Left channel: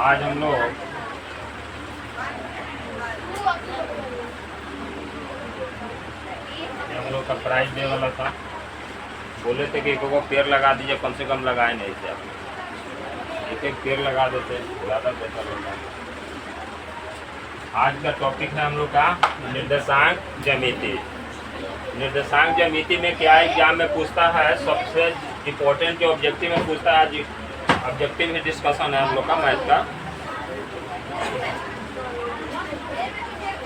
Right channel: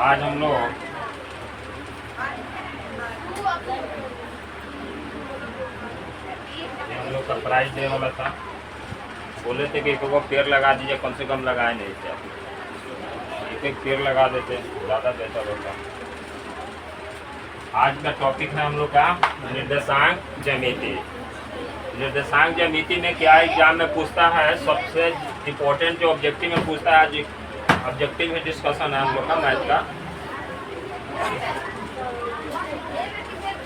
आज हम लोग का प्राइस डे वाला था, बोले थे कि एक पेड़ लगा दीजिए, कम से कम लगाए नहीं थे आप। एक पेड़ लगा देते ज़्यादा बेहतर होता। आज का टॉपिक है हम लोग का निर्देशांक ज्यामिति। निर्देशांक ज्यामिति में क्या एग्जाम में पूछता है, सबसे इम्पोर्टेंट जो ऑब्जेक्टिव में पूछता है, आज ऑब्जेक्टिव में डिस्कशन है हम लोग का मैथ का।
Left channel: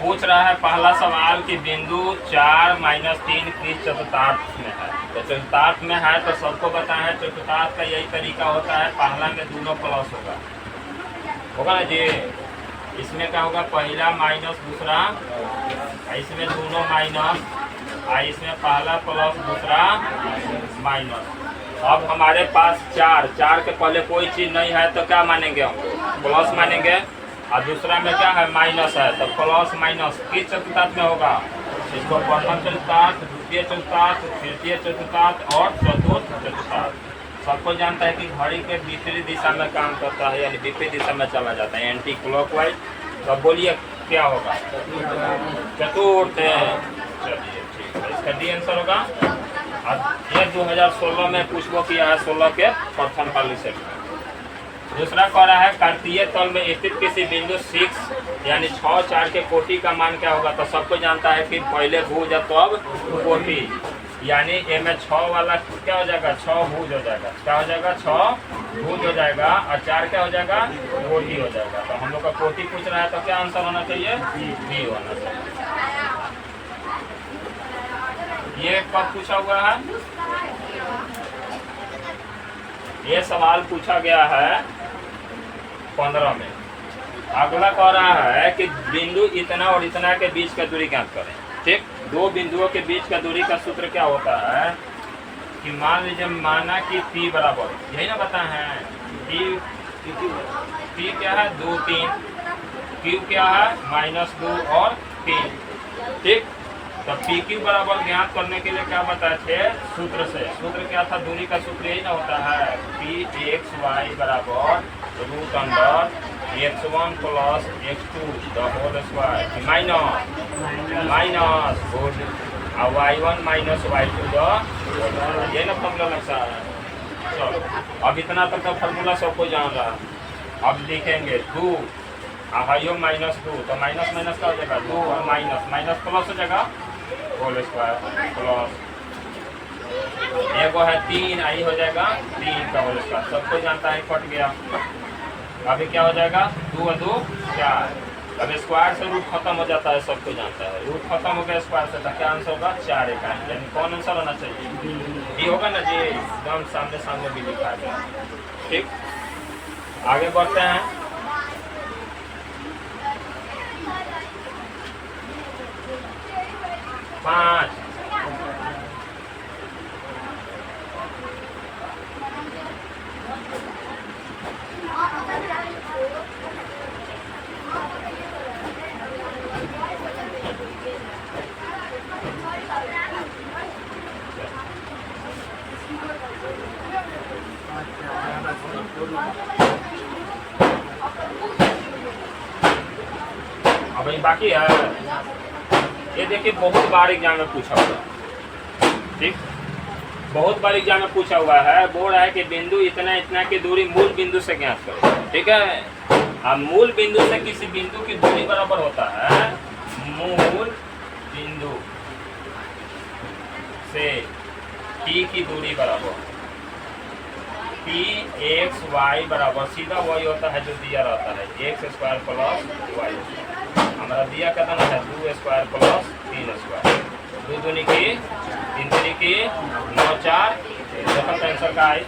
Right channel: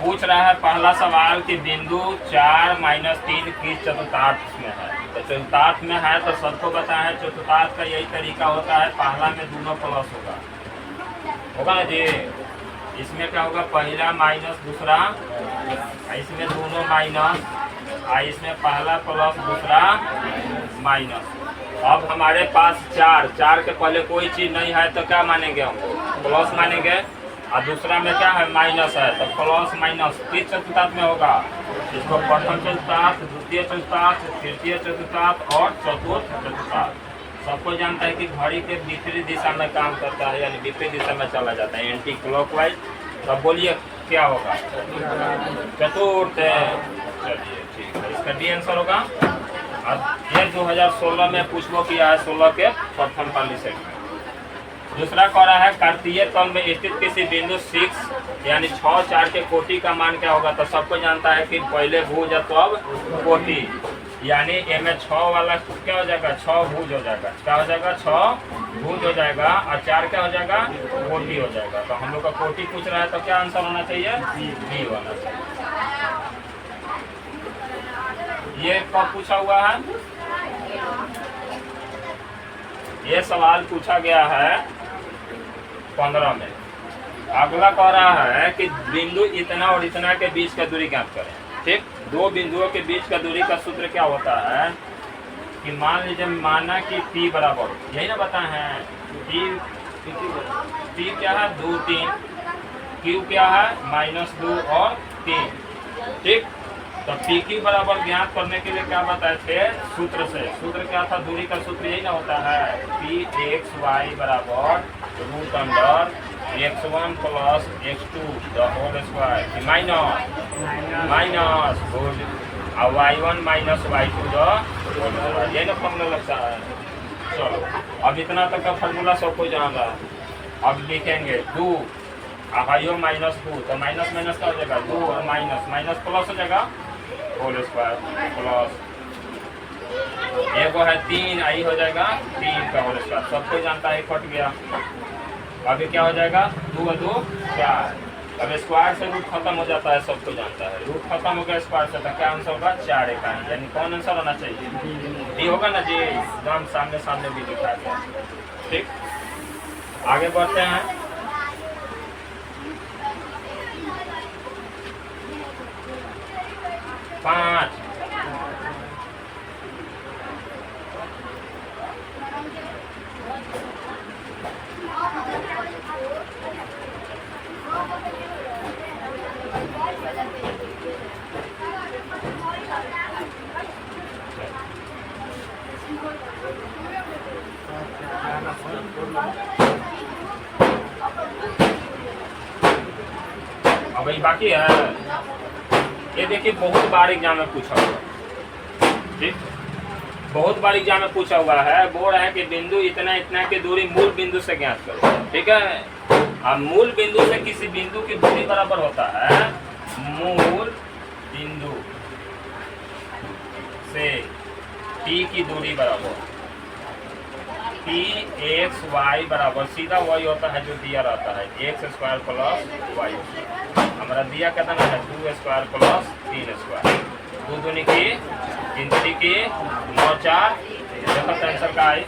पूछ रहा है पहला सवाल कि बिंदु 4 - 3 किस चतुर्थांश में है। तो चतुर्थांश में है तो सबको पता है चतुर्थांश का यही तरीका होता है, पहला में दोनों प्लस होगा ना जी। इसमें क्या होगा, पहला माइनस दूसरा, इसमें दोनों माइनस, इसमें पहला प्लस दूसरा माइनस। अब हमारे पास 4 के पहले कोई चीज़ नहीं है तो क्या मानेंगे, हमको प्लस मानेंगे, और दूसरा में क्या है, माइनस है, तो प्लस माइनस किस चतुर्थांश में होगा। इसको प्रथम चतुर्थांश, द्वितीय चतुर्थांश, तृतीय चतुर्थांश और चतुर्थ चतुर्थांश। सबको जानता है कि घड़ी के विपरीत दिशा में काम करता है, यानी विपरीत दिशा में चला जाता है, एंटी क्लॉकवाइज। तो बोलिए क्या होगा, चतुर्थ। चलिए ठीक है, इसका डी आंसर होगा। यह 2016 में पूछो किया है, 16 के प्रथम पाली से। दूसरा कह रहा है कार्तीय तल में स्थित किसी बिंदु 6 यानी 6 4 के कोटि का मान क्या होगा। तो सबको जानता है कि पहले भुज है तो अब कोटि, यानी ए में 6 वाला क्या हो जाएगा, 6 भुज हो जाएगा। क्या हो जाएगा, 6 भुज हो जाएगा, और 4 क्या हो जाएगा, कोटि हो जाएगा। तो हम लोग का कोटि पूछ रहा है तो क्या आंसर होना चाहिए, डी होना चाहिए। ये कब पूछा हुआ है, ये सवाल पूछा गया है 15 में। अगला कह रहा है कि बिंदु इतना और इतना के बीच का दूरी ज्ञात करें। ठीक, दो बिंदुओं के बीच का दूरी का सूत्र क्या होता है कि मान लीजिए, माना कि P बराबर, यही ना बताए हैं, P क्या है, 2 3, Q क्या है, -2 और 3। ठीक, तो PQ बराबर ज्ञात करने के लिए क्या बताए थे, सूत्र से। सूत्र क्या था, दूरी का सूत्र यही ना होता है, Pxy बराबर √x1 + x2 the whole square minus और y1 - y2 the whole square. ये ना फॉर्मूला लगता है। चलो, अब इतना तक का फॉर्मूला सबको जान रहा। अब लिखेंगे 2 -2, तो माइनस माइनस का हो जाएगा 2 और माइनस प्लस हो जाएगा होल स्क्वायर प्लस, एक है 3, आई हो जाएगा 3 का होल स्क्वायर। सबको जानता है, कट गया। अभी क्या हो जाएगा, 2 और 2 4। अब स्क्वायर से रूट खत्म हो जाता है, सबको जानता है, रूट खत्म हो गया स्क्वायर से, तो क्या आंसर होगा, 4 इकाई। यानी कौन आंसर होना चाहिए, डी होगा ना जी, एकदम सामने सामने भी लिखा गया। ठीक, आगे बढ़ते हैं। पाँच, अब ये बाकी है। ये देखिए, बहुत बार एग्जाम में पूछा हुआ। ठीक, बहुत बार एग्जाम में पूछा हुआ है। बोल रहा है कि बिंदु इतना इतना की दूरी मूल बिंदु से ज्ञात करो। ठीक है, अब मूल बिंदु से किसी बिंदु की दूरी बराबर होता है मूल बिंदु से P की दूरी बराबर Pxy बराबर, सीधा वही होता है जो दिया रहता है, x² + y। हमारा दिया कितना है, 2² + 3²। 2 दूनी की 3 दूनी की 9 4। देखो आंसर का है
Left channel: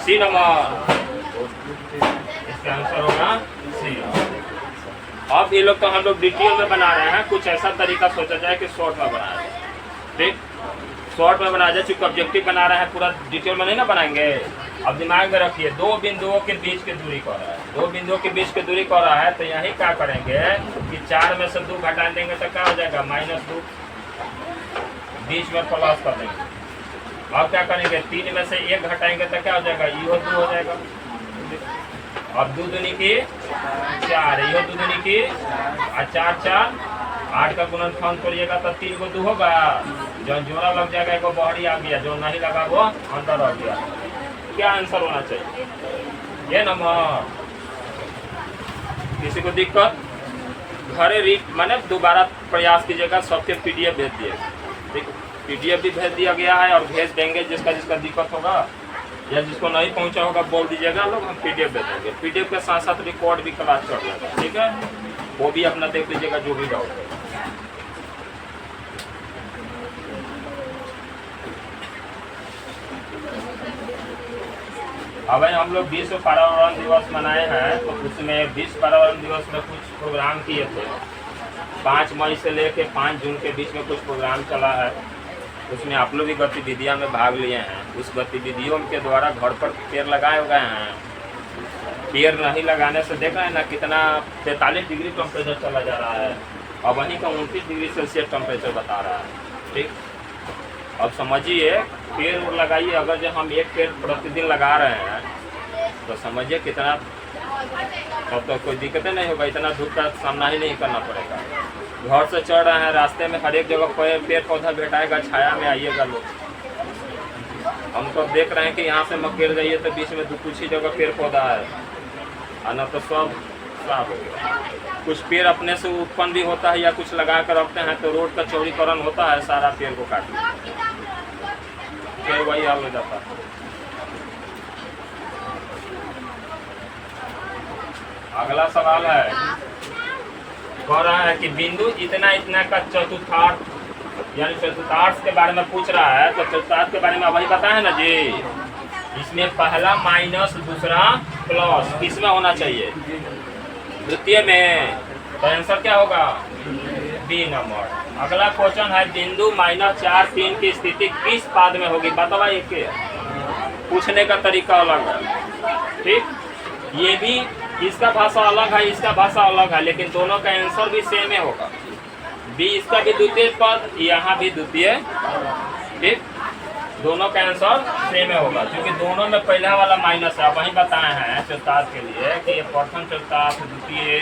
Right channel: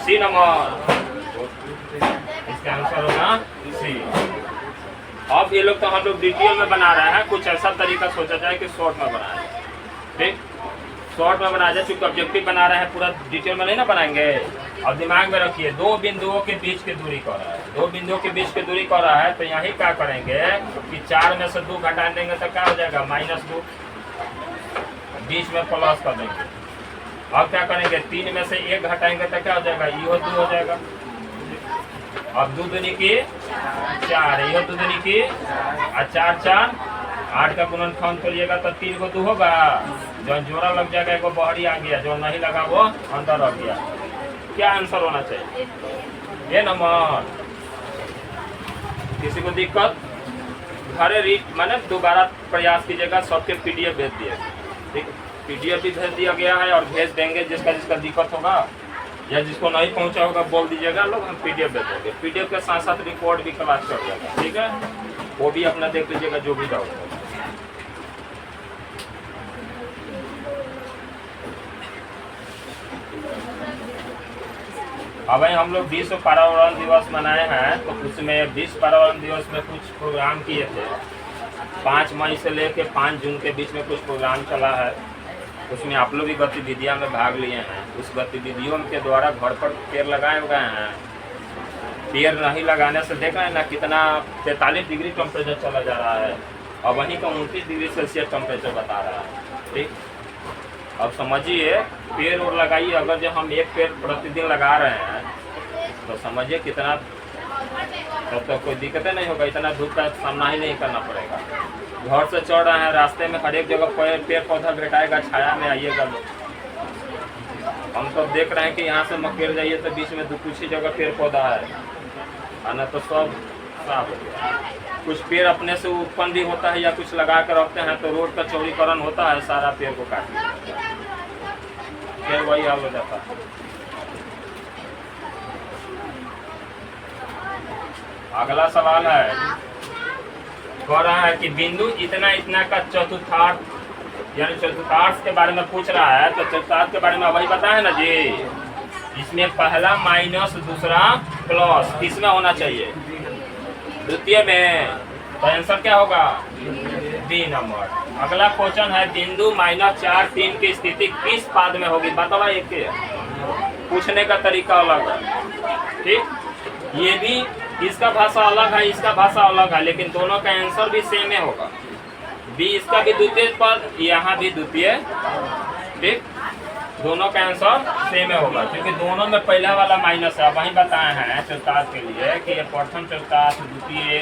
सी नंबर, इसका आंसर होगा सी। अब ये लोग तो हम लोग डिटेल में बना रहे हैं, कुछ ऐसा तरीका सोचा जाए कि शॉर्ट में बनाए। ठीक, शॉर्ट में बना जाए, चूंकि ऑब्जेक्टिव बना रहे हैं, पूरा डिटेल में नहीं ना बनाएंगे। अब दिमाग में रखिए, 2 बिंदुओं के बीच की दूरी कर रहा है, 2 बिंदुओं के बीच की दूरी कर रहा है, तो यही क्या करेंगे कि 4 में से 2 घटा देंगे तो क्या हो जाएगा, -2, बीच में प्लस कर देंगे। अब क्या करेंगे, 3 में से 1 घटाएंगे तो क्या हो जाएगा, ये 2 हो जाएगा। अब 2 दूनी की 4, यो 2 दूनी की 4 4 8 का गुणनखंड करिएगा तो 3 को 2 होगा, जो जोड़ा लग जाएगा एक बाहरी आ गया, जो नहीं लगा वो अंदर रह गया। क्या आंसर होना चाहिए? ये नंबर। किसी को दिक्कत? घरे रीड मैंने दोबारा प्रयास कीजिएगा, सबके PDF भेज दिए, ठीक, PDF भी भेज दिया गया है और भेज देंगे। जिसका जिसका दिक्कत होगा या जिसको नहीं पहुंचा होगा बोल दीजिएगा, लोग हम PDF भेज देंगे। PDF के साथ साथ रिकॉर्ड भी क्लास कर देगा, ठीक है, वो भी अपना देख लीजिएगा जो भी डाउट है। अब हम लोग विश्व पर्यावरण दिवस मनाए हैं, तो उसमें विश्व पर्यावरण दिवस में कुछ प्रोग्राम किए थे। 5 मई से लेके 5 जून के बीच में कुछ प्रोग्राम चला है, उसमें आप लोग भी गतिविधियों में भाग लिए हैं। उस गतिविधियों के द्वारा घर पर पेड़ लगाए हुए हैं। पेड़ नहीं लगाने से देख रहे हैं ना कितना 43 डिग्री टेम्परेचर चला जा रहा है, और वहीं का 29 डिग्री सेल्सियस टेम्परेचर बता रहा है, ठीक। अब समझिए, पेड़ और लगाइए, अगर जब हम एक पेड़ प्रतिदिन लगा रहे हैं तो समझिए कितना, तब तो कोई दिक्कत नहीं होगा, इतना धूप का सामना ही नहीं करना पड़ेगा। घर से चढ़ रहे हैं, रास्ते में हर एक जगह पेड़ पौधा बैठाएगा, छाया में आइएगा लोग। हम तो देख रहे हैं कि यहाँ से मकेर जाइए तो बीच में कुछ ही जगह पेड़ पौधा है, और न तो सब साफ हो गया। कुछ पेड़ अपने से उत्पन्न भी होता है या कुछ लगा कर रखते हैं तो रोड का चौड़ीकरण होता है, सारा पेड़ को काट फिर वही हाल हो जाता है। अगला सवाल है, कह रहा है कि बिंदु इतना इतना का चतुर्थांश, यानी चतुर्थांश के बारे में पूछ रहा है। तो चतुर्थांश के बारे में वही बताए ना जी, इसमें पहला माइनस दूसरा प्लस किसमें होना चाहिए? द्वितीय में। तो आंसर क्या होगा? B number. अगला क्वेश्चन है, बिंदु -4 3 की स्थिति किस पाद में होगी? बताओ, एक पूछने का तरीका अलग है, ठीक। ये भी, इसका भाषा अलग है, इसका भाषा अलग है, लेकिन दोनों का आंसर भी सेम ही होगा। बी इसका भी द्वितीय पद, यहाँ भी द्वितीय, ठीक, दोनों का आंसर सेम ही होगा, क्योंकि दोनों में पहला वाला माइनस है। वही बताए हैं चतुर्थांश के लिए कि ये प्रथम चतुर्थांश, द्वितीय,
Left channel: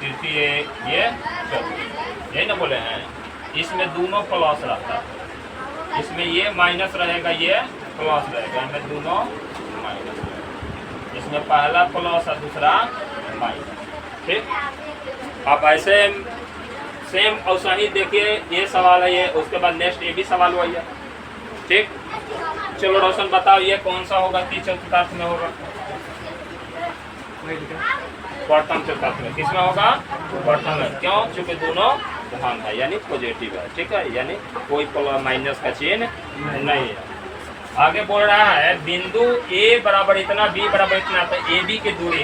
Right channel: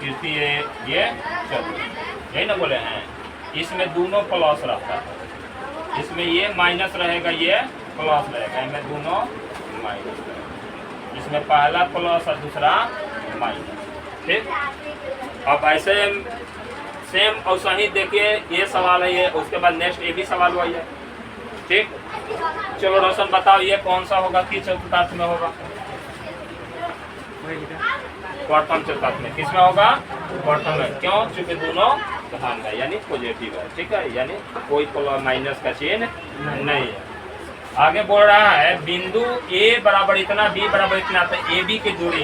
तृतीय, ये चतुर्थ, यही ना बोले हैं। इसमें दोनों प्लस रहता है, इसमें ये माइनस रहेगा, ये प्लस रहेगा, इसमें दोनों माइनस रहेगा। इसमें पहला प्लस और दूसरा माइनस, ठीक। अब ऐसे सेम और ही देखिए, ये सवाल है ये, उसके बाद नेक्स्ट ये भी सवाल वही है, ठीक। चलो रोशन बताओ, ये कौन सा होगा कि चतुर्थांश में होगा? प्रथम चतुर्थांश में। किसमें होगा? प्रथम में। क्यों? क्योंकि दोनों धन है, यानी पॉजिटिव है, ठीक है, यानी कोई प्लस माइनस का चिन्ह नहीं है। आगे बोल रहा है, बिंदु ए बराबर इतना, बी बराबर इतना, तो ए बी की दूरी,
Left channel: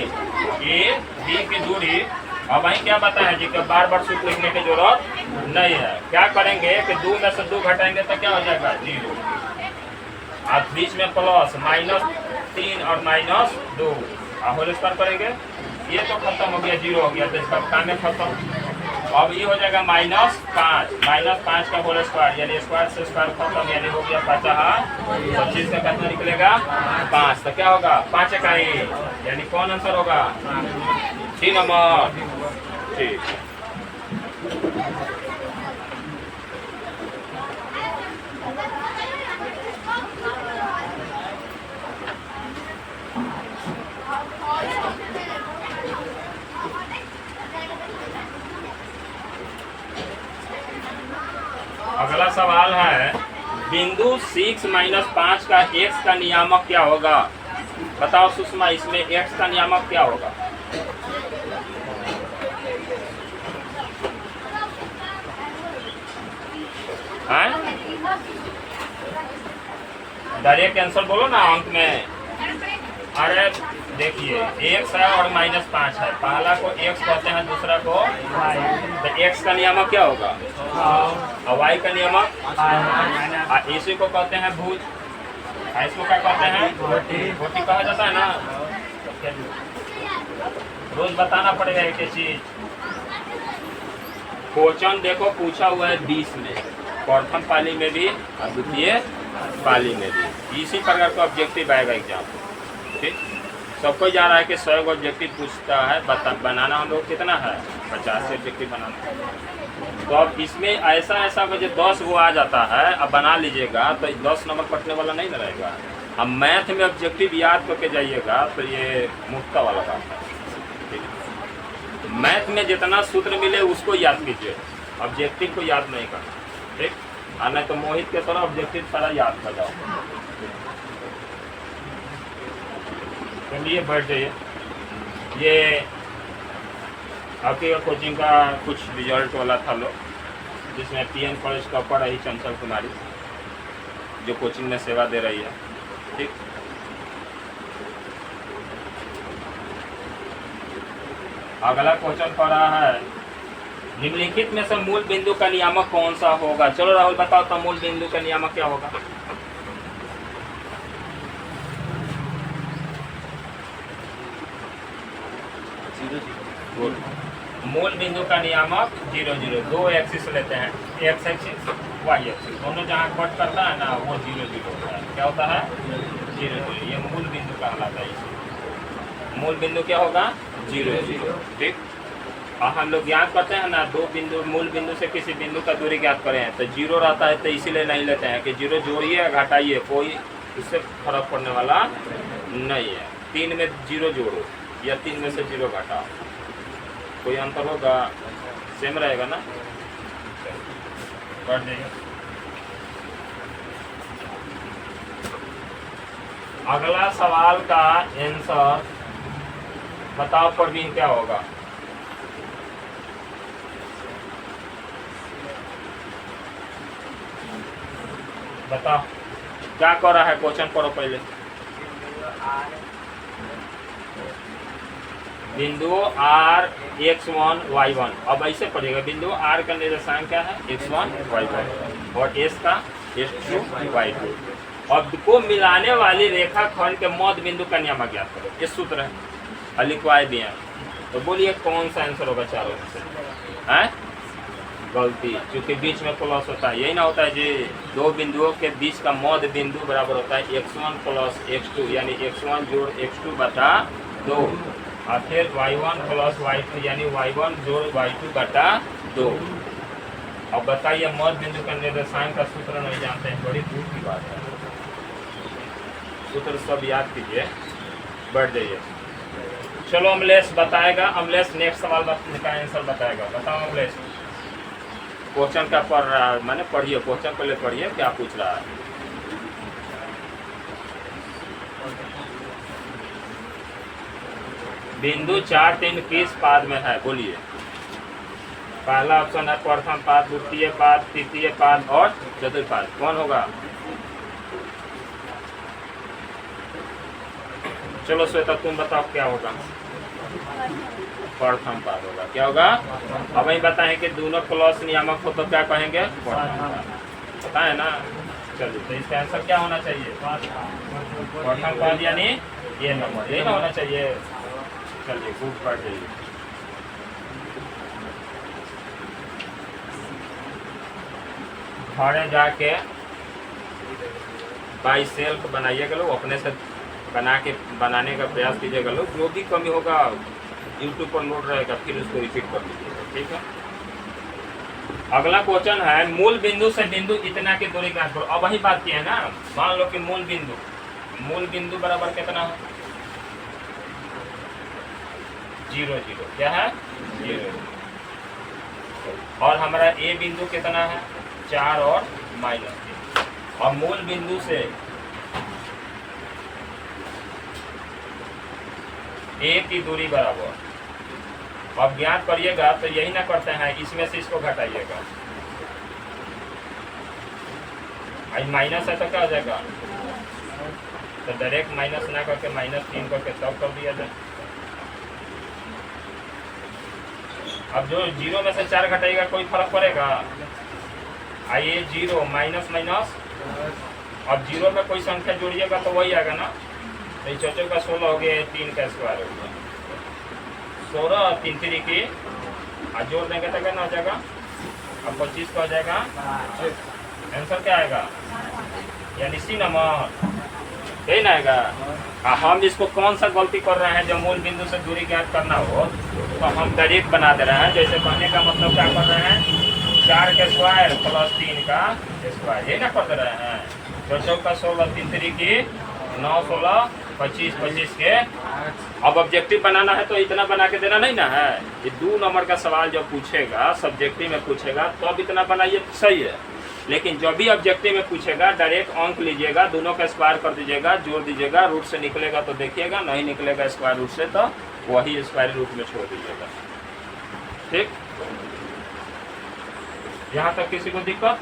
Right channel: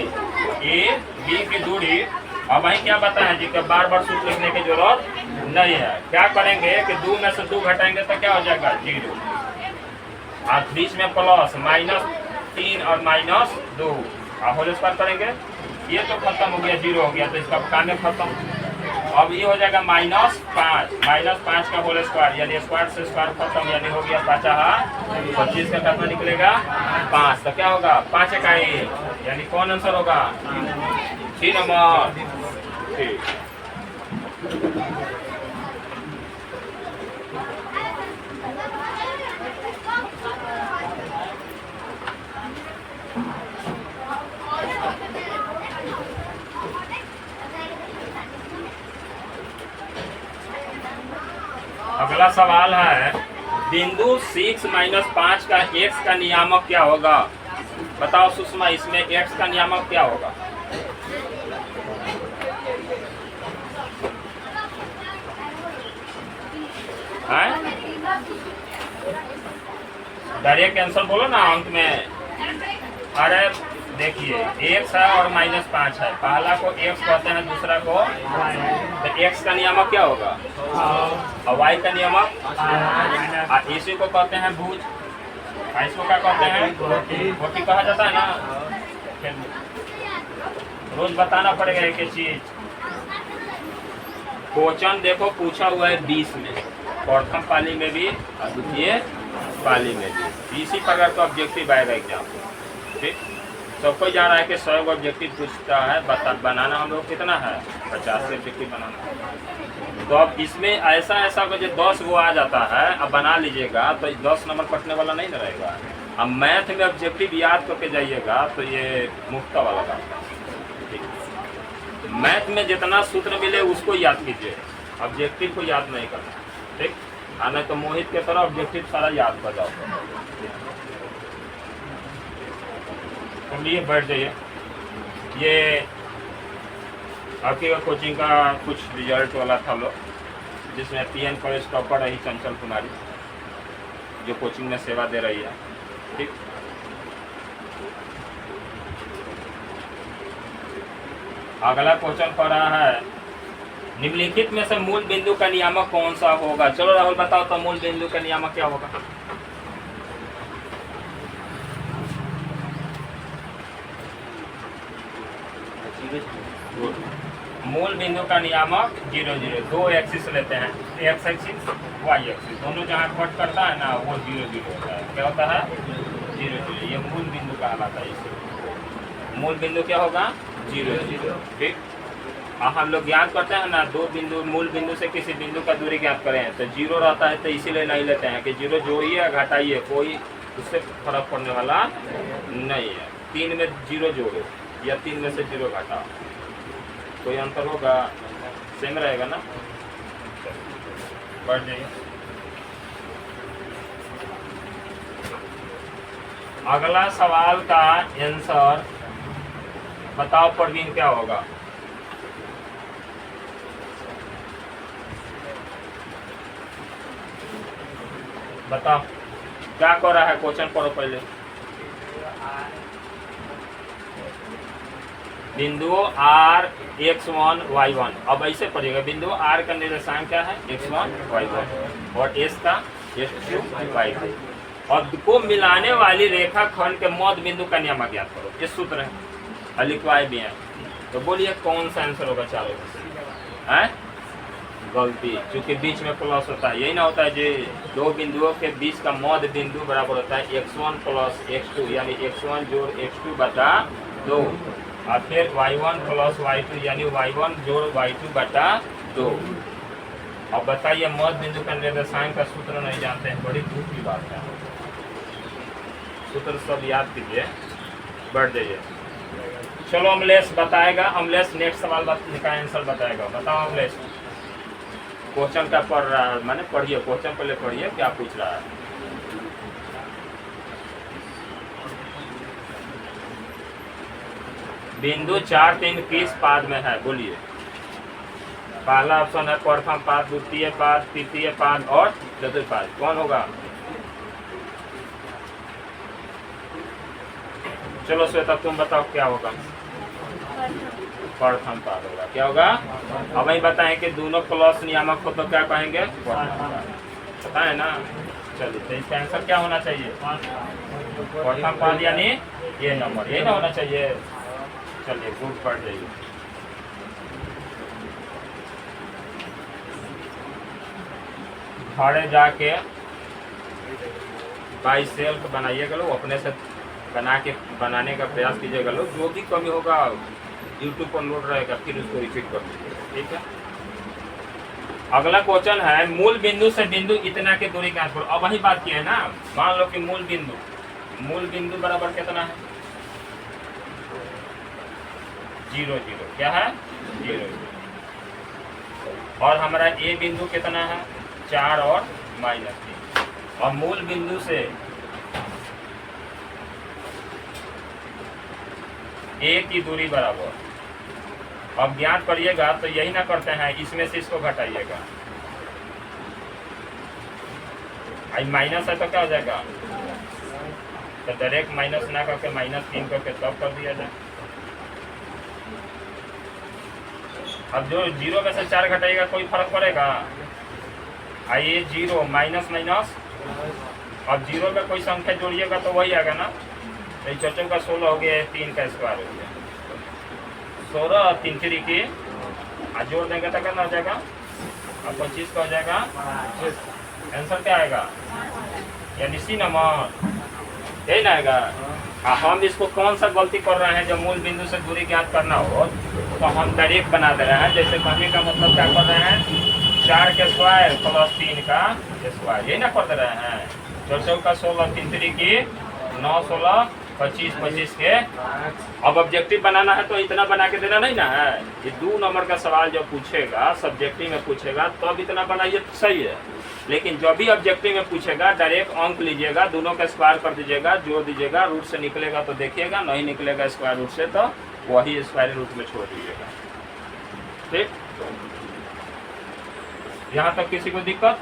ए बी की दूरी। अब वही क्या बताएं जी कि बार बार सूत्र लिखने की जरूरत नहीं है। क्या करेंगे कि 2 में से 2 घटाएंगे तो क्या हो जाएगा? 0। अब बीच में प्लस, -3 और -2, होल स्क्वायर करेंगे, ये तो खत्म हो गया, 0 हो गया, तो इसका काम खत्म। अब ये हो जाएगा -5 का होल स्क्वायर, यानी स्क्वायर से स्क्वायर खत्म, यानी हो गया 50। 25 का कितना निकलेगा? 5। तो क्या होगा? 5 इकाई, यानी कौन आंसर होगा? डी नंबर, ठीक। अगला सवाल है, बिंदु 6 - 5 का x का नियामक क्या होगा? बताओ सुषमा, इसमें x का नियामक क्या होगा? डायरेक्ट आंसर बोलो ना अंत में। अरे देखिए, x है और -5 है, पहला को x कहते हैं, दूसरा को, तो x का नियामक क्या होगा? और y का नियामक, इसी को कहते हैं भुज, इसको क्या कहते हैं? रोटी कहा जाता है ना। रोज बताना पड़ेगा एक चीज। क्वेश्चन देखो पूछा हुआ है 20 में, प्रथम पाली में भी और द्वितीय पाली में भी, इसी प्रकार का ऑब्जेक्टिव आएगा एग्जाम, ठीक। सबको जा रहा है कि 100 ऑब्जेक्टिव पूछता है, बनाना हम लोग कितना है 50 ऑब्जेक्टिव बनाना। तो अब इसमें ऐसा अगर जो 10 वो आ जाता है, अब बना लीजिएगा तो 10 नंबर कटने वाला नहीं ना रहेगा। अब मैथ में ऑब्जेक्टिव याद करके जाइएगा तो ये मुफ्त वाला बात है। मैथ में जितना सूत्र मिले उसको याद कीजिए, ऑब्जेक्टिव को याद नहीं करना, ठीक। नहीं तो मोहित के तरह ऑब्जेक्टिव सारा याद कर जाओ। चलिए बैठ जाइए। ये आपके कोचिंग का कुछ रिजल्ट वाला था लो, जिसमें PN कॉलेज टॉपर रही चंचल कुमारी, जो कोचिंग में सेवा दे रही है, ठीक। अगला क्वेश्चन पढ़ रहा है, निम्नलिखित में से मूल बिंदु का नियामक कौन सा होगा। चलो राहुल बताओ तो मूल बिंदु का नियामक क्या होगा। मूल बिंदु का नियामक 0 0, 2 एक्सिस लेते हैं, एक्स एक्सिस वाई एक्सिस, दोनों जहाँ कट करता है ना वो 0 0 होता है। क्या होता है 0 0, ये मूल बिंदु कहलाता है। मूल बिंदु क्या होगा 0 0, ठीक। और हम लोग ज्ञात करते हैं ना, दो बिंदु, मूल बिंदु से किसी बिंदु का दूरी ज्ञात करें तो 0 रहता है, तो इसीलिए नहीं लेते हैं कि 0 जोड़िए या घटाइए, कोई उससे फर्क पड़ने वाला नहीं है। 3 में 0 जोड़ो या 3 में से 0 घटाओ, कोई अंतर होगा, सेम रहेगा ना। पढ़ जाइए। अगला सवाल का आंसर बताओ परवीन, क्या होगा। बताओ क्या कर रहा है, क्वेश्चन पढ़ो पहले। बिंदु R x1 y1, अब ऐसे पढ़िएगा, बिंदु R का निर्देशांक क्या है x1 y1 और S का x2 y2। अब को मिलाने वाली रेखा खंड के मध्य बिंदु का नियामक ज्ञात करो। ये सूत्र है और लिखवाए भी हैं, तो बोलिए कौन सा आंसर होगा चारों में से। हैं गलती, क्योंकि बीच में प्लस होता है, यही ना होता है जी। दो बिंदुओं के बीच का मध्य बिंदु बराबर होता है x1 प्लस x2, यानी x1 जोड़ x2 बटा 2, और फिर y1 प्लस y2 यानी y1 जोड़ y2 बटा 2। अब बताइए मध्य बिंदु का निर्देशांक का सूत्र नहीं जानते हैं, बड़ी दूर की बात है। सूत्र सब याद कीजिए, बढ़ जाइए। चलो अमलेश बताएगा, अमलेश नेक्स्ट सवाल का आंसर बताएगा। बताओ अमलेश, क्वेश्चन क्या पढ़ रहा है, मैंने पढ़िए क्वेश्चन पहले पढ़िए क्या पूछ रहा है। बिंदु 4 3 किस पाद में है, बोलिए। पहला ऑप्शन है प्रथम पाद, द्वितीय पाद, तृतीय पाद और चतुर्थ पाद। कौन होगा। चलो श्वेता तुम बताओ क्या होगा। प्रथम पाद होगा। क्या होगा, अब वही बताएं कि दोनों प्लस नियामक हो तो क्या कहेंगे पता है ना। चलिए तो इसका आंसर क्या होना चाहिए, प्रथम पाद यानी ये नंबर, यही ना होना चाहिए। चलिए गुड, पढ़ जाइए। घरे जाके बाई सेल्फ बनाइएगा लोग, अपने से बनाने का प्रयास कीजिएगा लोग। जो भी कमी होगा यूट्यूब पर लोड रहेगा, फिर उसको रिपीट कर लीजिएगा, ठीक है। अगला क्वेश्चन है, मूल बिंदु से बिंदु इतना की दूरी ज्ञात करो। अब वही बात की है ना, मान लो कि मूल बिंदु बराबर कितना है 0 0, क्या है 0, और हमारा ए बिंदु कितना है 4 और -3, और मूल बिंदु से ए की दूरी बराबर। अब ज्ञात करिएगा तो यही ना करते हैं, इसमें से इसको घटाइएगा, आई माइनस है तो क्या हो जाएगा, तो डायरेक्ट माइनस ना करके -3 करके तब कर दिया जाए। अब जो 0 में से 4 घटाइएगा कोई फर्क पड़ेगा। आइए 0 माइनस माइनस, अब 0 में कोई संख्या जोड़िएगा तो वही आएगा ना। तो 4 का 16 हो गया, 3 का स्क्वायर हो गया 16, और 3 3 की आज जोड़ देंगे तो कितना हो जाएगा, अब 25 का हो जाएगा। आंसर क्या आएगा, यानी सी नंबर। यही ना आएगा। हम इसको कौन सा गलती कर रहे हैं, जब मूल बिंदु से दूरी ज्ञात करना हो तो हम डायरेक्ट बना दे रहे हैं। जैसे कहने का मतलब क्या कर रहे हैं, 4 के स्क्वायर प्लस 3 का स्क्वायर, यही ना कर दे रहे हैं। 4 चौका 16, 3 3 की 9, 16, 25, 25 के। अब ऑब्जेक्टिव बनाना है तो इतना बना के देना नहीं ना है। ये 2 नंबर का सवाल जब पूछेगा, सब्जेक्टिव में पूछेगा तो अब इतना बनाइए तो सही है। लेकिन जो भी ऑब्जेक्टिव में पूछेगा डायरेक्ट अंक लीजिएगा, दोनों का स्क्वायर कर दीजिएगा, जोड़ दीजिएगा, रूट से निकलेगा तो देखिएगा, नहीं निकलेगा स्क्वायर रूट से तो वही स्क्वायर रूट में छोड़ दीजिएगा। ठीक, यहाँ तक किसी को दिक्कत?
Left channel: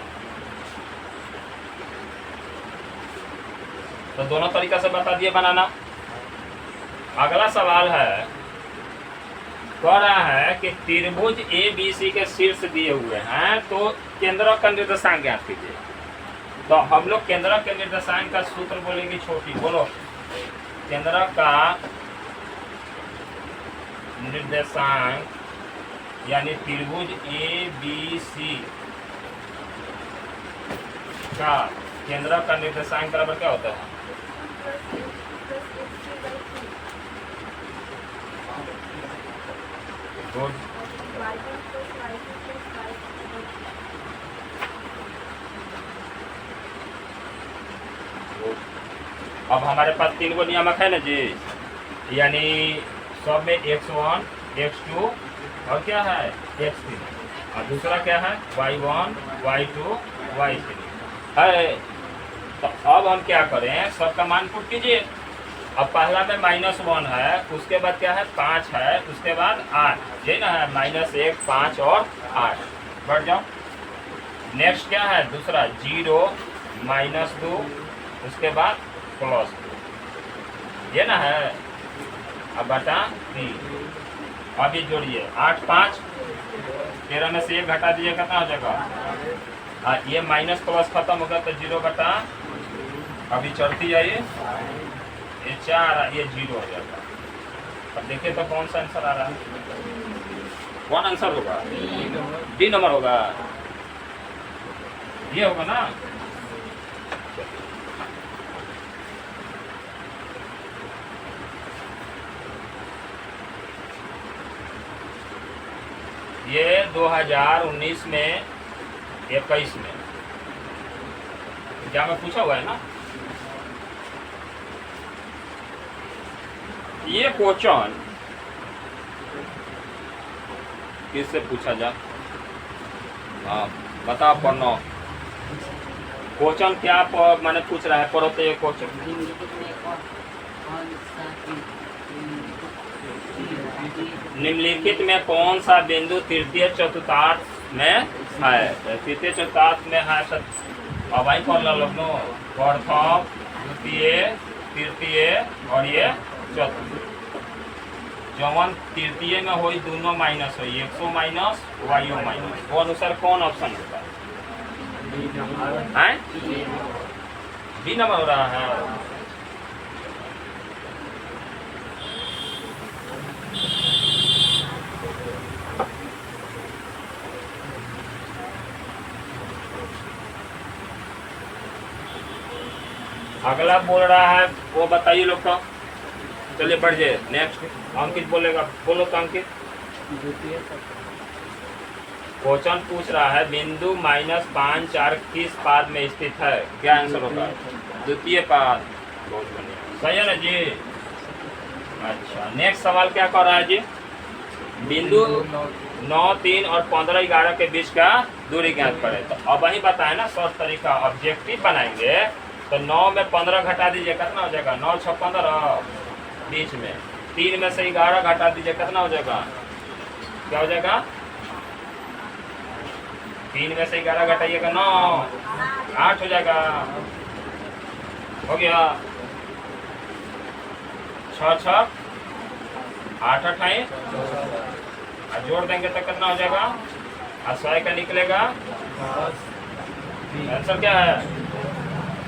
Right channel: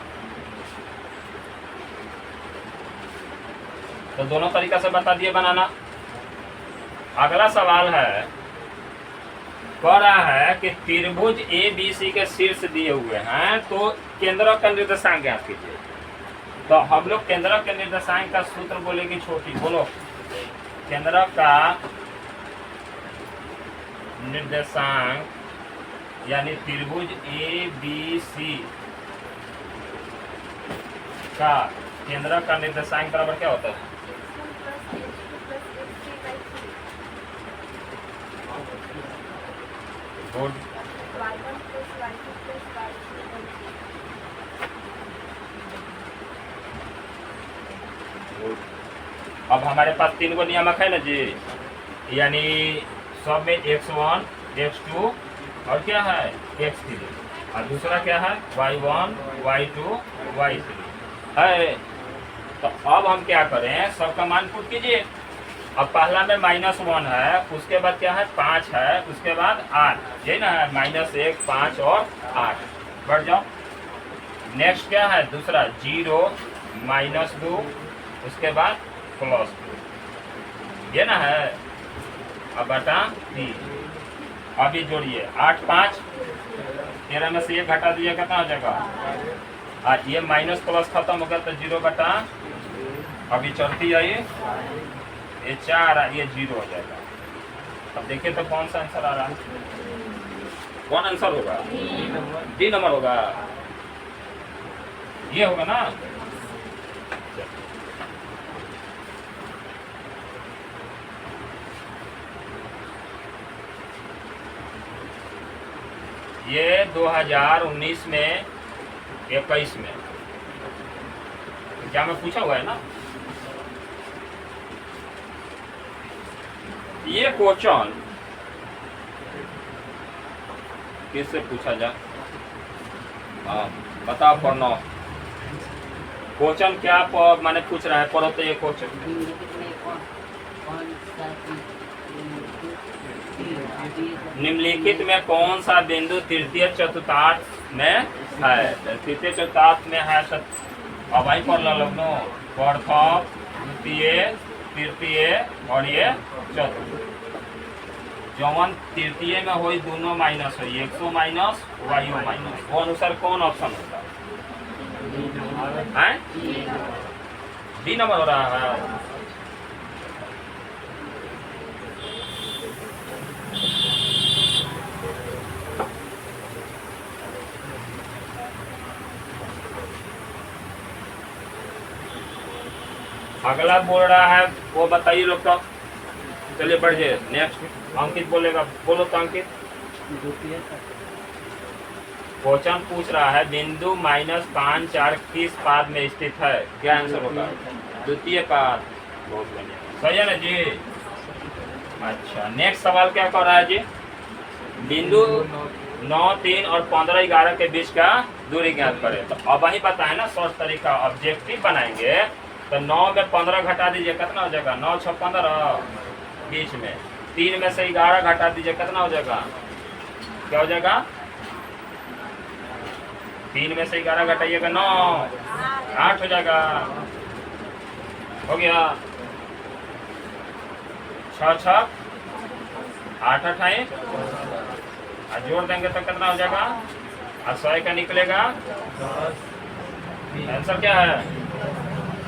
तो दोनों तरीका से बता दिए बनाना। अगला सवाल है, कह रहा है कि त्रिभुज ABC के शीर्ष दिए हुए हैं तो केंद्र का निर्देशांक ज्ञात कीजिए। तो हम लोग केंद्र के निर्देशांक का सूत्र बोलेगी छोटी, बोलो। केंद्र का निर्देशांक यानी त्रिभुज ABC का केंद्र का निर्देशांक बराबर क्या होता है? गुड। अब हमारे पास 3 गो नियामक है ना जी, यानी सब में x1, x2 और क्या है x3, और दूसरा क्या है y1, y2, y3 है। तो अब हम क्या करें, सबका मान पुट कीजिए। अब पहला में -1 है, उसके बाद क्या है 5 है, उसके बाद 8, यही ना है, -1, 5 और 8, बढ़ जाओ। नेक्स्ट क्या है दूसरा 0, -2, उसके बाद +2, ये ना है। अब बटा 3, अभी जोड़िए 8, 5, 13 में से 1 घटा दीजिए, कितना हो जाएगा? ये माइनस प्लस खत्म हो गया तो 0 बटा, अभी चढ़ती है ये 4, ये 0 हो जाएगा। अब देखिए तो कौन सा आंसर आ रहा है, कौन आंसर होगा? डी नंबर होगा, ये होगा ना। ये 2019 में 21 में क्या मैं पूछा हुआ है ना। ये क्वेश्चन किससे पूछा जाए? हाँ बता पढ़ना क्वेश्चन क्या मैंने पूछ रहा है, पढ़ो तो ये क्वेश्चन। निम्नलिखित में कौन सा बिंदु तृतीय चतुर्थांश में है? तृतीय चतुर्थांश में है अब आई पढ़ लो लोग, प्रथम, द्वितीय, तृतीय और ये चतुर्थ। जवन तृतीय में हो दोनों माइनस हो, एक्सो माइनस वाईओ माइनस, वो अनुसार कौन ऑप्शन होता है? डी नंबर हो रहा है। अगला बोल रहा है वो बताइए लोग तो। चलिए बढ़ जाए, नेक्स्ट अंकित बोलेगा, बोलो तो अंकित। क्वेश्चन पूछ रहा है बिंदु -5, 4 किस पाद में स्थित है? क्या आंसर होगा? द्वितीय पाद। बहुत बढ़िया, सही है ना जी। अच्छा नेक्स्ट सवाल क्या कर रहा है जी? बिंदु 9, 3 और 15, 11 के बीच का दूरी ज्ञात करें। तो अब वही बताए ना शॉर्ट तरीका, ऑब्जेक्टिव बनाएंगे तो 9 में 15 घटा दीजिए, कितना हो जाएगा? 9, 6, 15, बीच में 3 में से 11 घटा दीजिए, कितना हो जाएगा? क्या हो जाएगा? 3 में से 11 घटाइएगा 9, 8 हो जाएगा। हो गया 6, 6, 8, 8 जोड़ देंगे तो कितना हो जाएगा? 100 का निकलेगा। आंसर क्या है?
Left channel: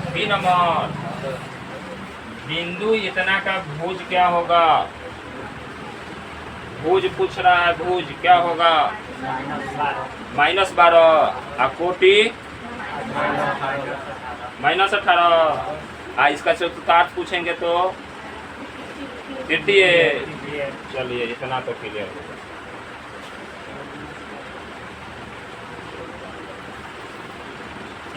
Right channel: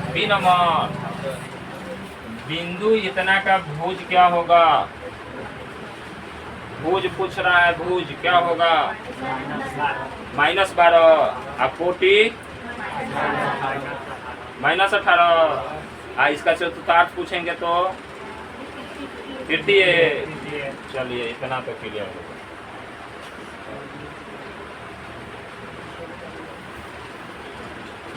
B number. बिंदु इतना का भुज क्या होगा? भुज पूछ रहा है, भुज क्या होगा? -12 और कोटि -18, इसका चतुर्थांश पूछेंगे तो तृतीय। चलिए इतना तो क्लियर होगा।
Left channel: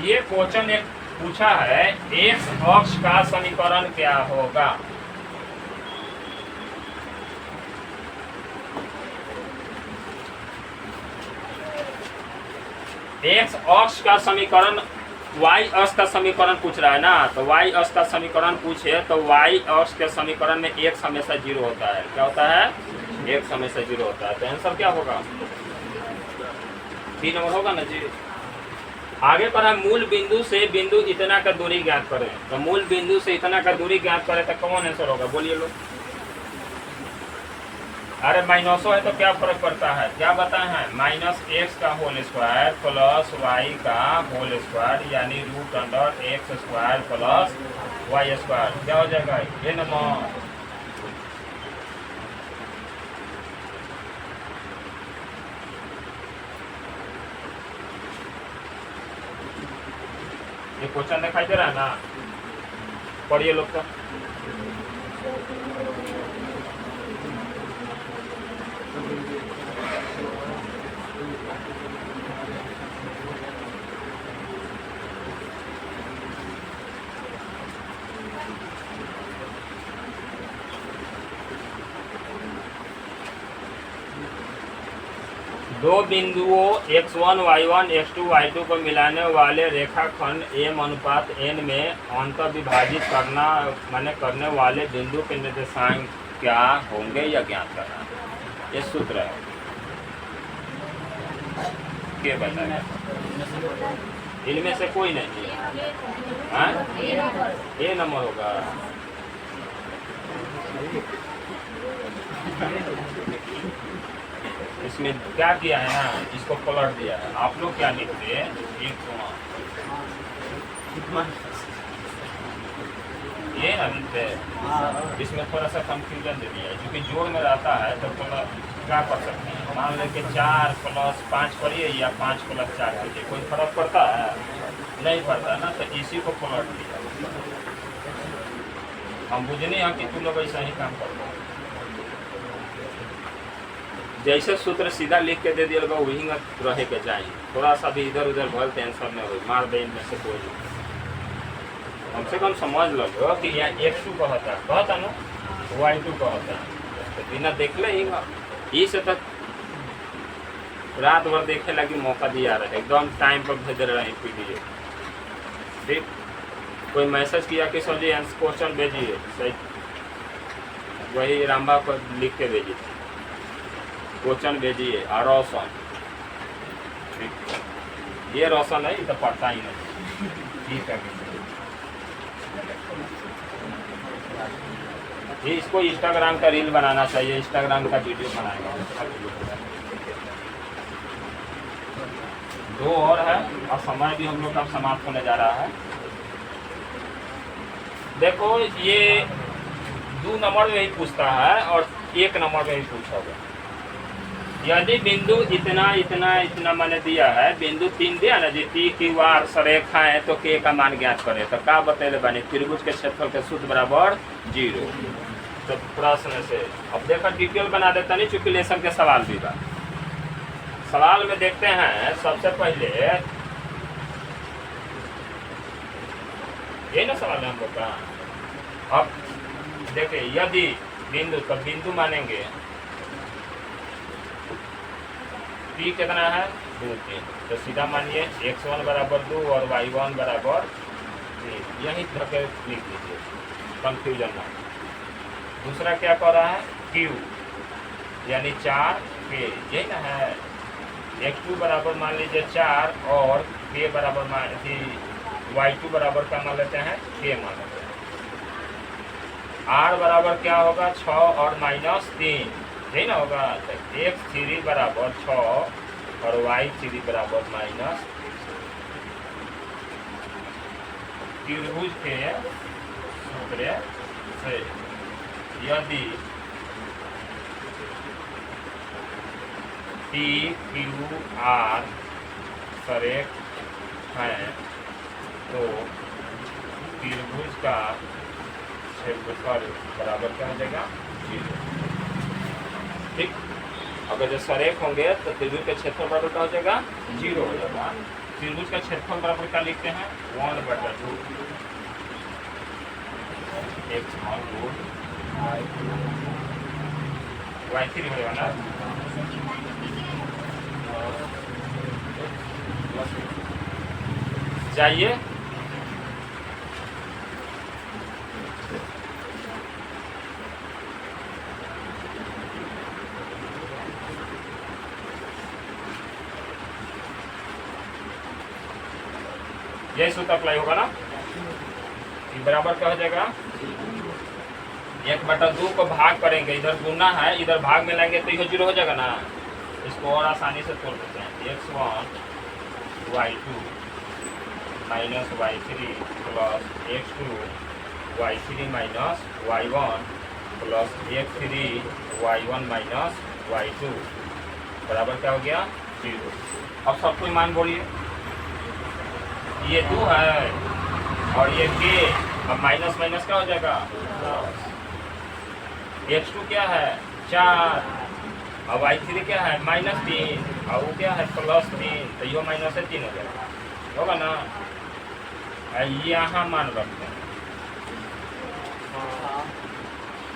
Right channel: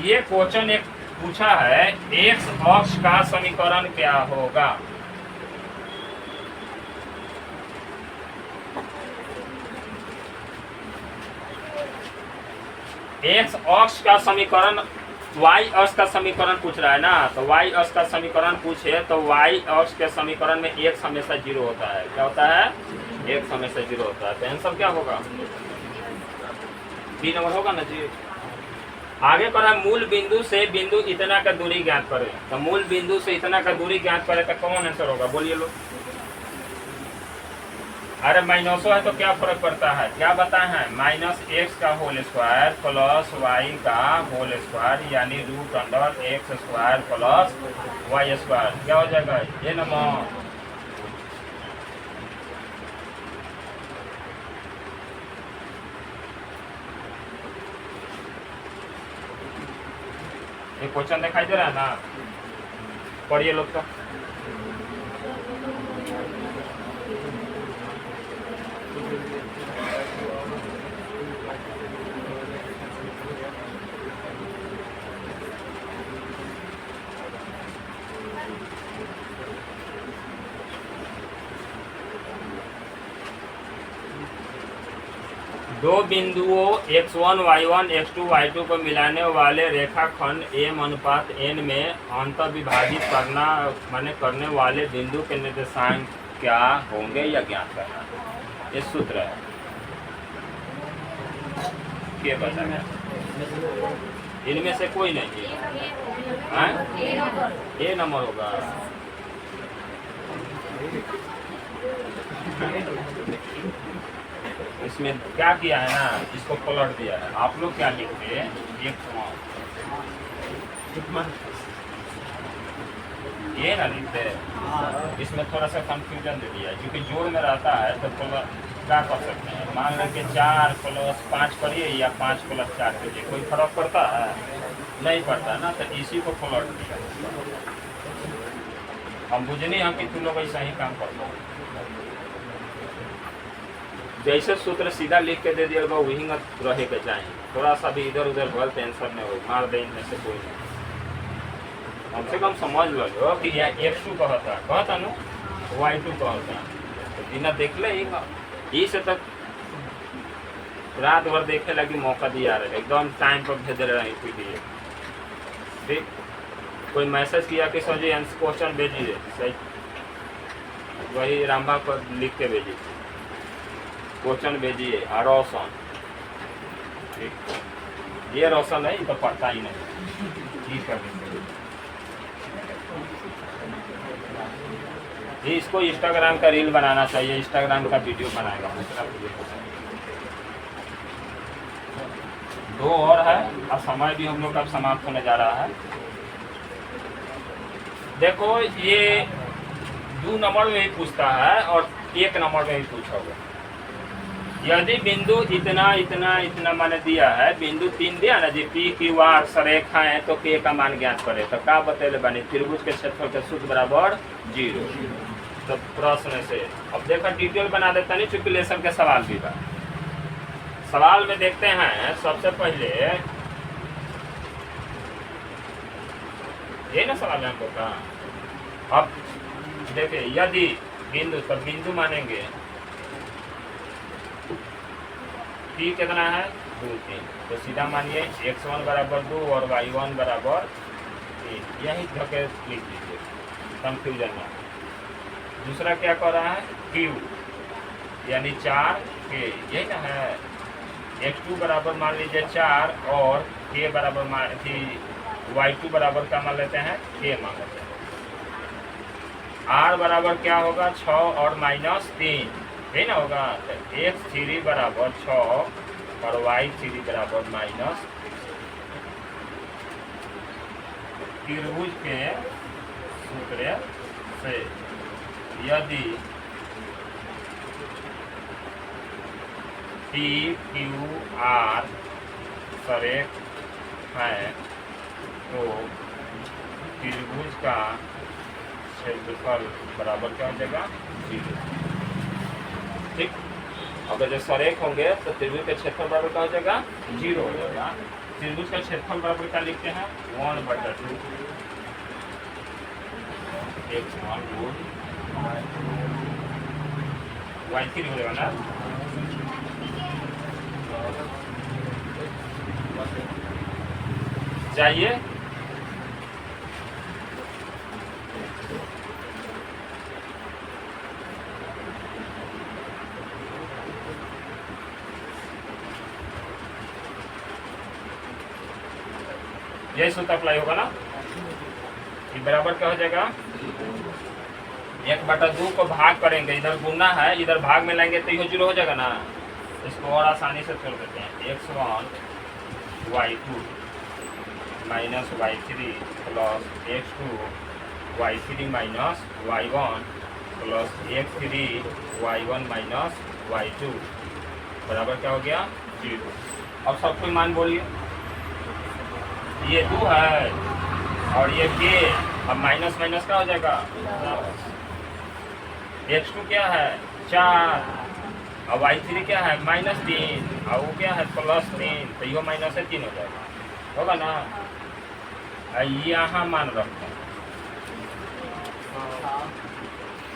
ये क्वेश्चन एक पूछा है, एक्स अक्ष का समीकरण क्या होगा। एक्स अक्ष का समीकरण वाई अक्ष का समीकरण पूछ रहा है ना, तो वाई अक्ष का समीकरण पूछे तो वाई अक्ष के समीकरण में एक्स हमेशा जीरो होता है। क्या होता है? एक्स हमेशा जीरो होता है। तो आंसर क्या होगा? 3 नंबर होगा ना जी। आगे पर हम मूल बिंदु से बिंदु इतना का दूरी ज्ञात करें, तो मूल बिंदु से इतना का दूरी ज्ञात करें तो कौन आंसर होगा? बोलिए लोग। अरे माइनसो है तो क्या फर्क पड़ता है? क्या बताए हैं? माइनस एक्स का होल स्क्वायर प्लस वाई का होल स्क्वायर, यानी root under x square plus y square. क्या हो जाएगा? ये नंबर। ये क्वेश्चन दिखाई दे रहा है ना? पढ़िए लोग का। दो बिंदुओं x1 y1 x2 y2 को मिलाने वाले रेखाखंड m अनुपात n में अंत विभाजित करना माने करने वाले बिंदु के निर्देशांक क्या होंगे या ज्ञात करना। ये सूत्र है। क्या बताएगा? इनमें से कोई नहीं है। ए नंबर होगा। इसमें क्या किया है ना, इसको पलट दिया है। आप लोग क्या लिखते हैं? ये ना लिखते हैं। इसमें थोड़ा सा कंफ्यूजन दे दिया है, क्योंकि जोड़ में रहता है तो क्या कर सकते हैं? मान लें कि 4 + 5 करिए या 5 + 4 करिए, कोई फर्क पड़ता है? नहीं पड़ता ना। तो इसी को पलट दिया। हम बुझने हैं कि तुम लोग ऐसा ही काम करते हो। जैसे सूत्र सीधा लिख के दे दिया होगा वही रहे के चाहिए। थोड़ा सा भी इधर उधर भल टेंशन नहीं हो, मार दे इनमें से कोई नहीं। कम से कम समझ लो कि यहाँ x2 कहता ना, y2 कहता। तो बिना देख ले ही से तक रात भर देखे लगी मौका दिया रहे, एकदम टाइम पर भेज रहे हैं पीडीए। ठीक, कोई मैसेज किया कि सर जी क्वेश्चन भेजिए, सही वही रामबा पर लिख के भेजिए, क्वेश्चन भेजिए। और रोशन, ये रोशन है, तो पढ़ता ही नहीं। ठीक है, ये इसको इंस्टाग्राम का रील बनाना चाहिए, इंस्टाग्राम का वीडियो बनाएगा। दो और है और समय भी हम लोग का समाप्त होने जा रहा है। देखो ये 2 नंबर में ही पूछता है और 1 नंबर में ही पूछोगे। यदि बिंदु इतना इतना इतना मैंने दिया है, बिंदु 3 दिया ना जी, P Q R सरेखा है, तो K का मान ज्ञात करे। तो क्या बतेले बनी? त्रिभुज के क्षेत्रफल के सूत्र बराबर 0। तो प्रश्न से अब देखा डिटेल बना देता नहीं, चूंकि लेसन के सवाल भी बा। सवाल में देखते हैं सबसे पहले ये ना सवाल में हम लोग का। अब देखिए यदि बिंदु, तो बिंदु मानेंगे P कितना है? 2 3। तो सीधा मानिए x1 = 2 और y1 = 3। यही धके लिख लीजिए, कंफ्यूजन ना। दूसरा क्या कर रहा है? Q यानी 4 K, यही ना है। x2 बराबर मान लीजिए 4 और K बराबर y2 बराबर क्या मान लेते हैं? K मान लेते हैं। R बराबर क्या होगा? 6 और -3, यही ना होगा। तो x3 बराबर 6 और y3 बराबर -। त्रिभुज के सूत्र से यदि P Q R सरेख है तो त्रिभुज का क्षेत्रफल बराबर क्या हो जाएगा 0। ठीक, अगर जो सरेख होंगे तो त्रिभुज का क्षेत्रफल बराबर क्या हो जाएगा 0 हो जाएगा। त्रिभुज का क्षेत्रफल बराबर क्या लिखते हैं 1/2 x स्मॉल रूट y3 हो जाएगा ना। चाहिए यही सूत्र अप्लाई होगा ना। ये बराबर क्या हो जाएगा 1/2 को भाग करेंगे, इधर गुना है इधर भाग में लाएंगे तो ये 0 हो जाएगा ना। इसको और आसानी से तोड़ देते हैं x1 y2 minus y3 plus x2 y3 minus y1 plus x3 y1 minus y2 बराबर क्या हो गया 0। अब सब कोई मान बोलिए, ये 2 है और ये k, अब माइनस माइनस क्या हो जाएगा x2 क्या है 4 और y3 क्या है -3 और वो क्या है +3, तो ये माइनस है 3 हो जाएगा, होगा ना। यहाँ मान रखते हैं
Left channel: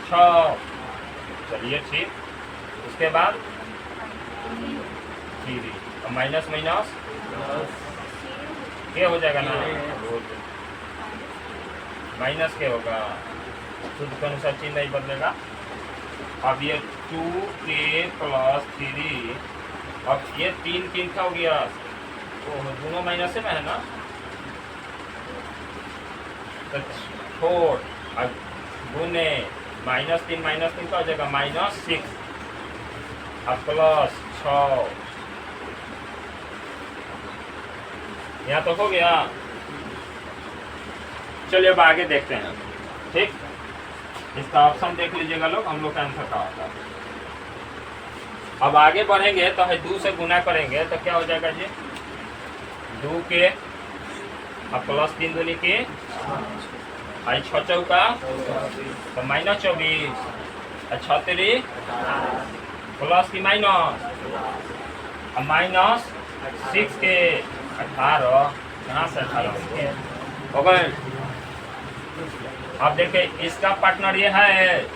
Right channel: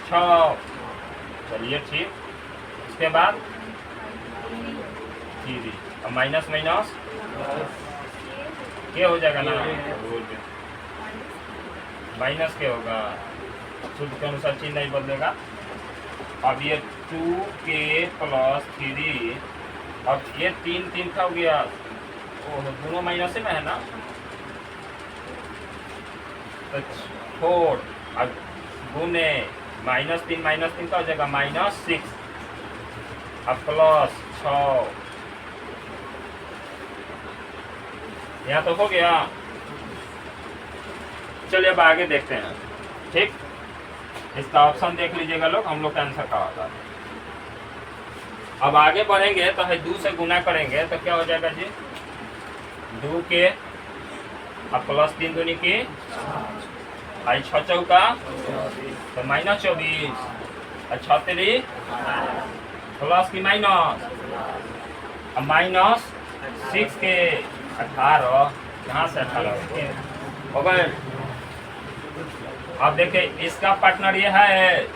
6, चलिए ठीक। उसके बाद 3 और माइनस माइनस क्या हो जाएगा ना, माइनस क्या होगा, सूत्र के अनुसार चिन्ह नहीं बदलेगा। अब ये 2k + 3, अब ये 3 का हो गया, ओह दोनों माइनस में है ना, तो 4 अब गुने -3 का हो जाएगा -6 अब प्लस 6, यहाँ तो हो गया। चलिए अब आगे देखते हैं। ठीक, इसका ऑप्शन देख लीजिएगा लोग, हम लोग का आंसर क्या होता है। अब आगे बढ़ेंगे तो है 2 से गुना करेंगे तो क्या हो जाएगा जी 2k अब +3 दूनी की 6 चौका तो -24 और 36 प्लस की माइनस अब -6 के 18, कहाँ से 18 हो गए। अब देखिए इसका पार्टनर ये है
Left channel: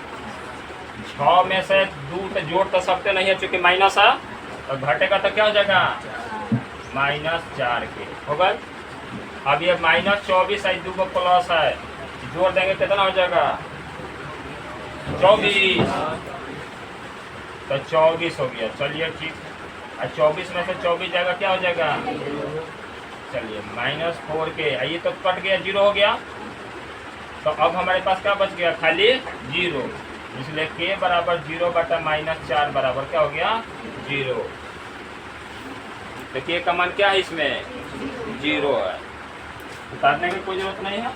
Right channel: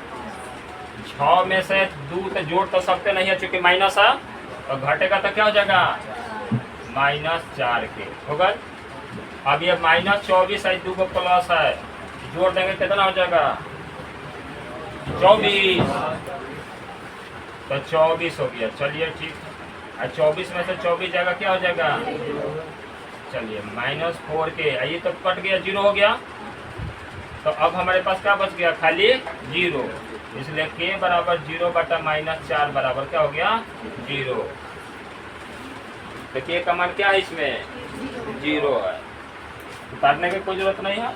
6 में से 2 तो जोड़ तो सकते नहीं है चूंकि माइनस है, तो घटेगा तो क्या हो जाएगा -4 के हो गए। अब ये -24 है 2 को प्लस है, जोड़ देंगे कितना हो जाएगा 24, तो 24 हो गया। चलिए ठीक, और 24 में से 24 जाएगा क्या हो जाएगा, चलिए -4 के, ये तो कट गया 0 हो गया, तो अब हमारे पास क्या बच गया खाली 0, इसलिए k बराबर 0/-4 बराबर क्या हो गया 0। तो k का मान क्या है इसमें 0 है, उतारने की कोई जरूरत नहीं है,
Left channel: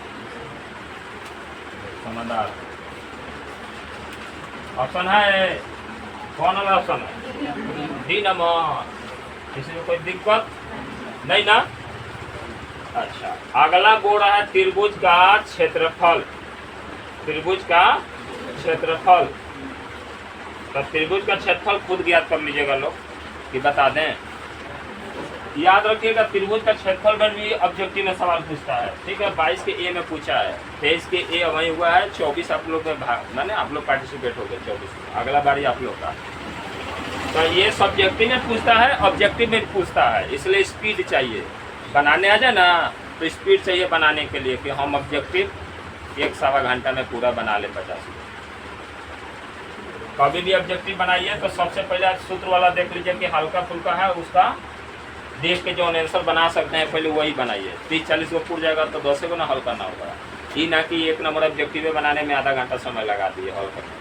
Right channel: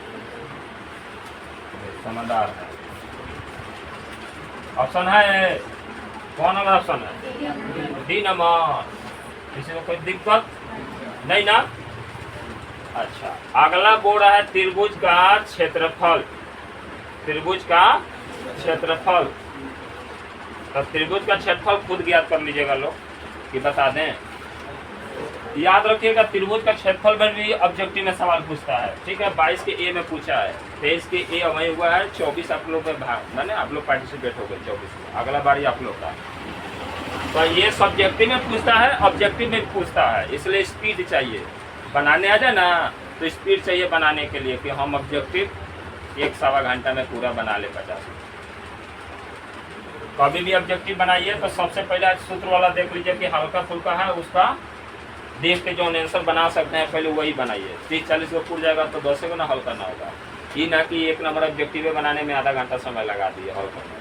समझदार ऑप्शन है। कौन वाला ऑप्शन है डी नंबर, इसमें कोई दिक्कत नहीं ना। अच्छा, अगला बोल रहा है त्रिभुज का क्षेत्रफल, त्रिभुज का क्षेत्रफल। तो त्रिभुज का क्षेत्रफल खुद ज्ञात कर लीजिएगा लोग कि बता दें। याद रखिएगा त्रिभुज का क्षेत्रफल में भी ऑब्जेक्टिव में सवाल पूछता है। ठीक है, 22 के ए में पूछा है, 23 के ए वही हुआ है, 24 आप लोग में भाग मैंने आप लोग पार्टिसिपेट हो गए 24 में, अगला बारी आप लोग का। तो ये सब्जेक्टिव में पूछता है, ऑब्जेक्टिव में पूछता है, इसलिए स्पीड चाहिए बनाने आ जाए ना, तो स्पीड चाहिए बनाने के लिए कि हम ऑब्जेक्टिव 1-1.25 घंटा में पूरा बना ले 50। कभी भी ऑब्जेक्टिव बनाइए तो सबसे पहले सूत्र वाला देख लीजिए कि हल्का फुल्का है, उसका देख के जो आंसर बना सकते हैं पहले वही बनाइए। 30-40 को पूर जाएगा तो 10 को ना हल्का ना होगा, ये ना कि 1 नंबर ऑब्जेक्टिव बनाने में आधा घंटा समय लगा दिए और करने।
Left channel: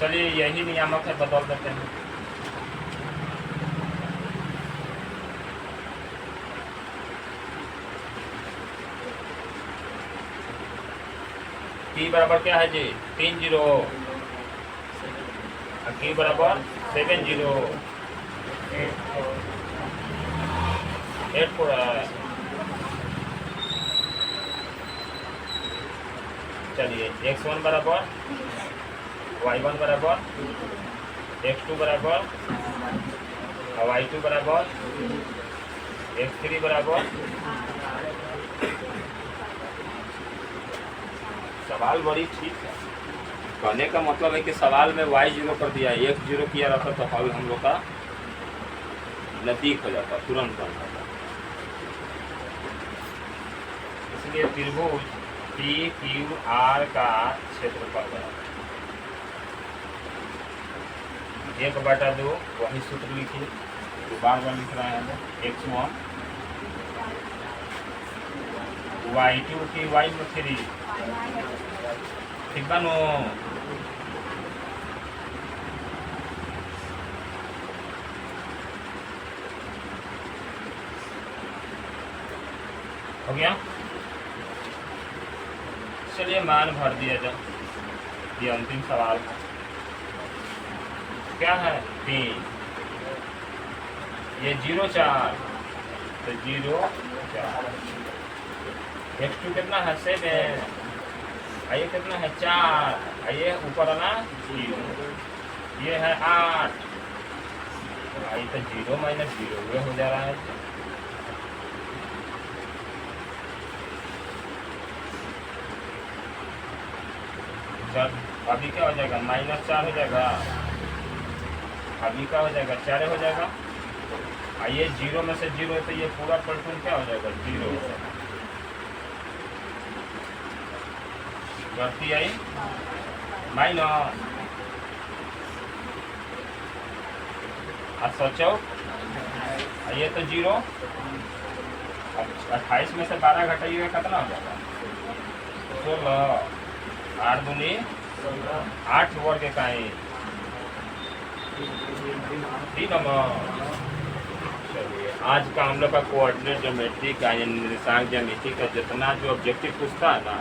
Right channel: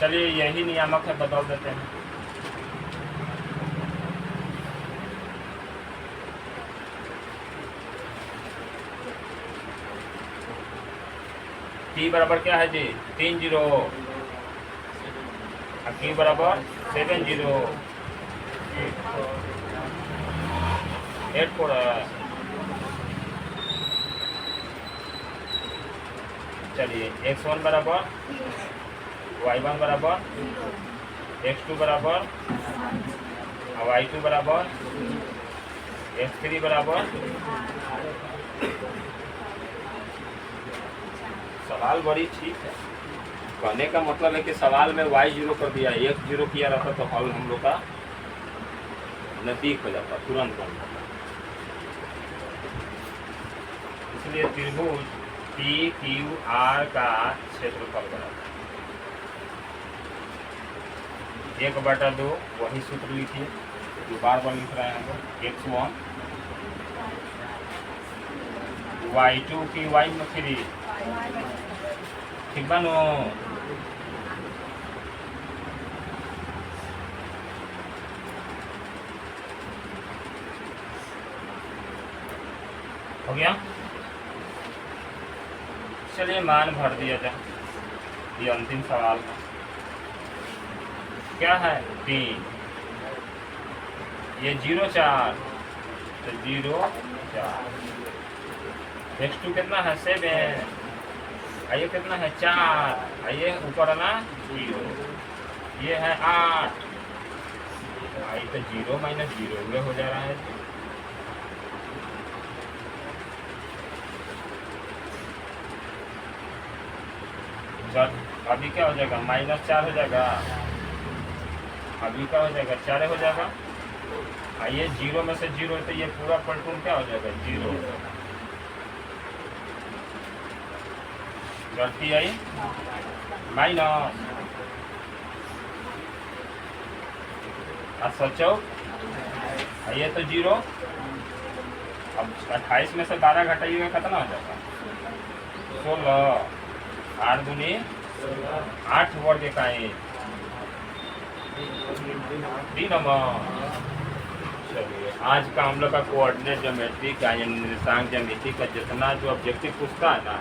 चलिए यही नियामक है, बदल देते हैं। टी बराबर क्या है जी 30, क्यू बराबर 70 84 है। चलिए x1 बराबर y1 बराबर x2 बराबर y2 बराबर x3 बराबर। सवाल बड़ी ठीक है। कहने का मतलब है कि सवाल में y0 कर दिया, x0 किया रहता तो हल हम लोग का नजदीक हो जाता, तुरंत बन जाता। इसलिए त्रिभुज पी क्यू आर का क्षेत्रफल बराबर 1/2, वही सूत्र लिखिए जो बार बार लिख रहे हैं x1 y2 की y3 ठीक बानो। हो गया। चलिए मान भर दिया जाए। ये अंतिम सवाल है। क्या है 3, ये 0 4 तो 0 4, x2 कितना है 7, आइए कितना है 4, आइए ऊपर आना 0, ये है 8, आई तो 0 माइनस 0 ये हो जा रहा है। अभी क्या हो जाएगा -4 हो जाएगा, अभी क्या हो जाएगा 4 हो जाएगा। आइए 0 में से 0 तो ये पूरा पलटून क्या हो जाएगा 0 हो जाएगा। गलती आई माइनस और सोचो ये तो 0। अब 28 में से 12 घटाइएगा कितना हो जाएगा 16, 8 दूनी 8 वर्ग का 3 नंबर। चलिए आज का हम लोग का कोऑर्डिनेट ज्योमेट्री का निर्देशांक ज्यामिति का जितना जो ऑब्जेक्टिव पूछता है ना,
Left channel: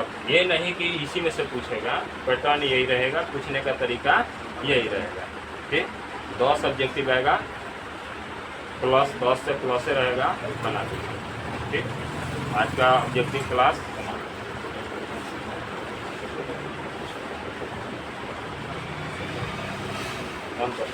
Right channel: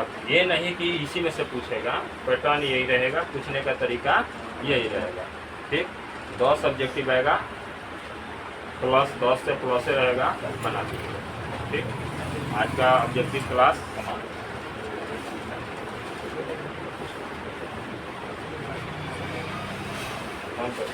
अब ये नहीं कि इसी में से पूछेगा, पैटर्न यही रहेगा, पूछने का तरीका यही रहेगा। ठीक 10 ऑब्जेक्टिव आएगा, +10 से प्लस रहेगा, बना दीजिए। ठीक आज का ऑब्जेक्टिव क्लास समाप्त। कौन सा